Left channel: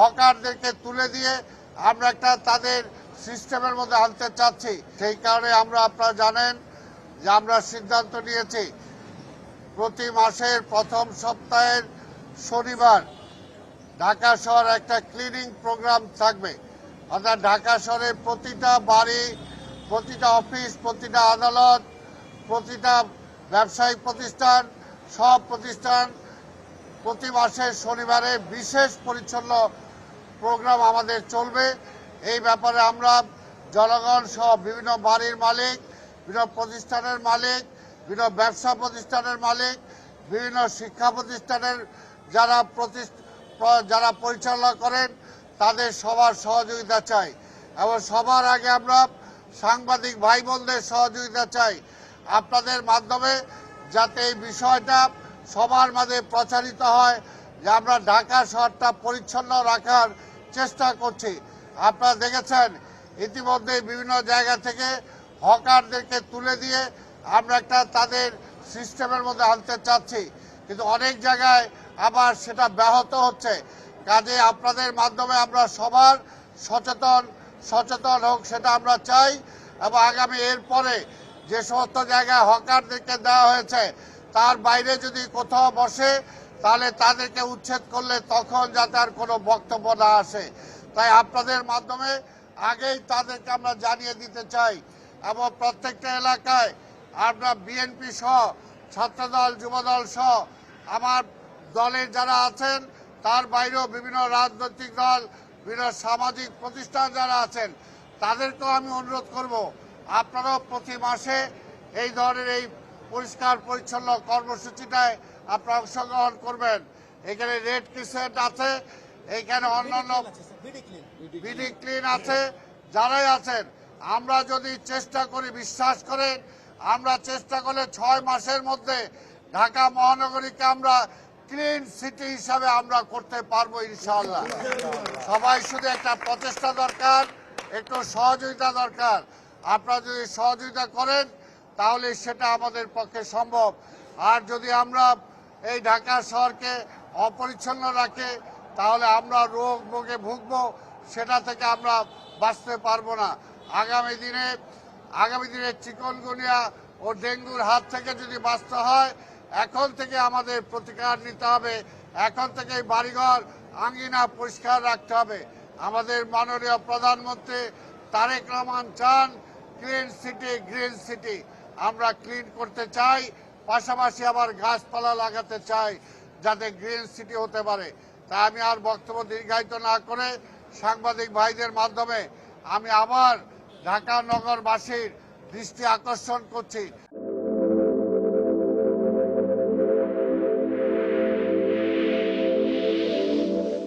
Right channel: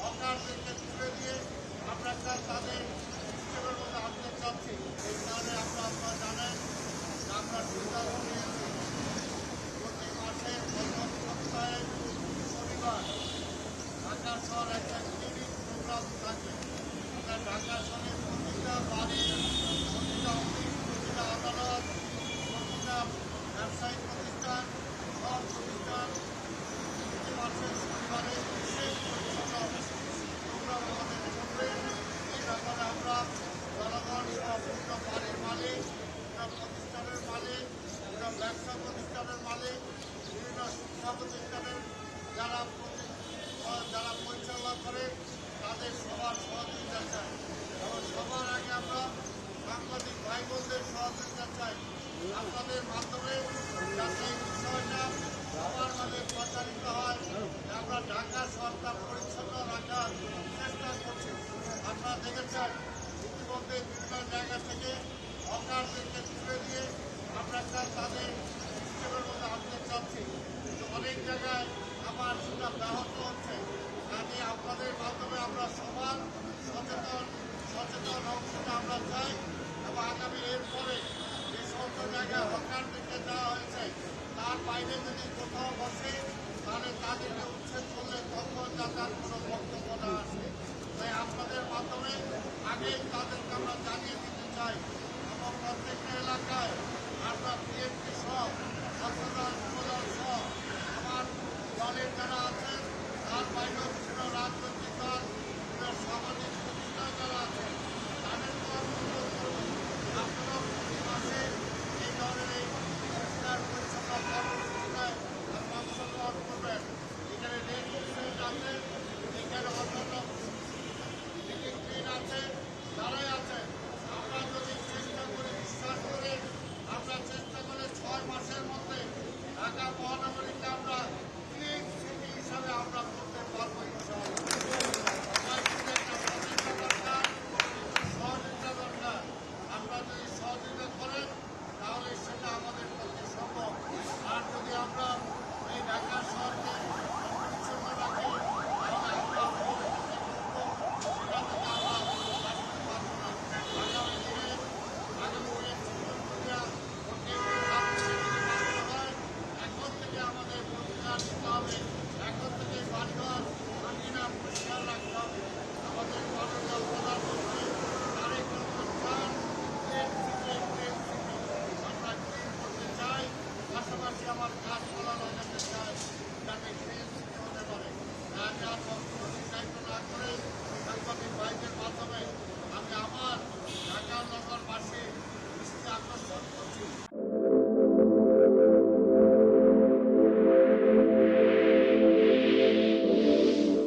হকারদেরকে তুলে দিয়ে আমরা একটা তাদের সিস্টেমের মধ্যে আনতে চাচ্ছি। সেই কারণে আপনারা জানেন যে আমরা সিদ্ধান্ত নিয়েছি প্রতি মাসের প্রথম সপ্তাহের শনিবার ঢাকা শহর একটা ক্লিনিং প্রোগ্রাম থাকবে। অর্থাৎ ঢাকা শহরের প্রতিটা বাড়ি, প্রতিটা অফিস, প্রতিটা আদালত, প্রতিটা ব্যবসায়িক প্রতিষ্ঠান, সব প্রতিষ্ঠান প্রতি মাসের শনিবারে বিশেষ পরিচ্ছন্ন প্রোগ্রাম আমাদের চলবে। এই ব্যাপারে আমরা জনগণ সহ বিভিন্ন বাড়ির মালিক, বিভিন্ন প্রতিষ্ঠানের মালিক, বিভিন্ন ব্যবসা প্রতিষ্ঠানের মালিক, বিভিন্ন শিক্ষা প্রতিষ্ঠানের যারা পরিচালনা করেন তাদের সবার সহযোগিতা চাই এবং সবার আগে আমরা সাংবাদিক ভাই বোনদের সহযোগিতা চাই আপনাদের মাধ্যমে, যাতে এই বিষয়টা সবার মাঝে প্রচারিত হয় যে আমরা ঢাকা শহরটা পরিচ্ছন্ন রাখার চেষ্টা করছি। আপনারা দেখেছেন ইতিমধ্যে বিভিন্ন জায়গা থেকে হকারদেরকে তুলে দিয়ে আমরা একটা তাদের সিস্টেমের মধ্যে আনতে চাচ্ছি, কিন্তু অনেক জায়গায় আবার সেটা ব্যাহত হচ্ছে। কাজে আপনাদের মাধ্যমে আমরা সবার সচেতন হোক সেটা আমরা চাই এবং আগামী এরপরে যে সমস্ত জায়গায় হকারদেরকে দেওয়া হয়েছে তার বাইরে যদি কোথাও বসে তাহলে তাদেরকে উচ্ছেদ করলে তখন যাতে আর কোনো বক্তব্য না আসে। তাই আপনাদের মাধ্যমে আগেই তাদেরকে আমরা জানিয়ে দিতে চাই এবং প্রত্যেকটা এলাকায় আমরা বিএনপি সহ ছাত্রদল, যুবদল সহ আমার দলের যারা আছেন তার বাইরেও বিভিন্ন রাজনৈতিক দল, বিভিন্ন সামাজিক প্রতিষ্ঠান যারা আছেন তাদেরকেও আমি অনুরোধ করব আপনারাও প্রতি মাসে এই ধরনের এই পরিষ্কার পরিচ্ছন্ন কর্মসূচিটায় আপনারা অংশগ্রহণ করবেন। এখানে রেড ক্রিসেন্ট আছে, এইখানে অন্যান্য বিডি ক্লিন আছে, যারাই আছেন আমরা যদি চেষ্টা করি, বিশ্বাস করে আমরা চেষ্টা করলে 6 মাসের মধ্যে ঢাকা মহানগরীকে আমরা ক্লিন সিটি হিসাবে আমরা করতে পারবো ইনশাআল্লাহ। সবাই শুধু একটা প্রচেষ্টা দরকার, একটু সহযোগিতা দরকার। আপনারা যদি সহযোগিতা করেন তাহলে সেটা আমাদের পক্ষে সম্ভব। আর যদি আমরা এই ঢাকা শহরকে অপরিচ্ছন্ন রাখি তাহলে আমরা রোগে ভুগবো, সেটা থেকে আমরা বাঁচতে পারবো না। আগামী দিনে চিকনগুনিয়া ও ডেঙ্গুর হাত থেকে যদি বাঁচতে হয় এখন থেকে আমাদের প্রতিকার নিতে হবে। এখন থেকে বাড়িঘর আঙ্গিনা পরিষ্কার রাখতে হবে। আমাদের মাননীয় প্রধানমন্ত্রী তারেক রহমান চান গ্রিন সিটি। আমরা ক্লিন করতে চাই, পাশাপাশি আবার গাছপালা লাগাতে চাই যাতে গ্রিন সিটি হতে পারে। তাই আমি আর বক্তব্য দীর্ঘায়িত না করে সাংবাদিক ভাইদের মাধ্যমে আমি আবার ঢাকা নগরবাসীর দৃষ্টি আকর্ষণ করছি।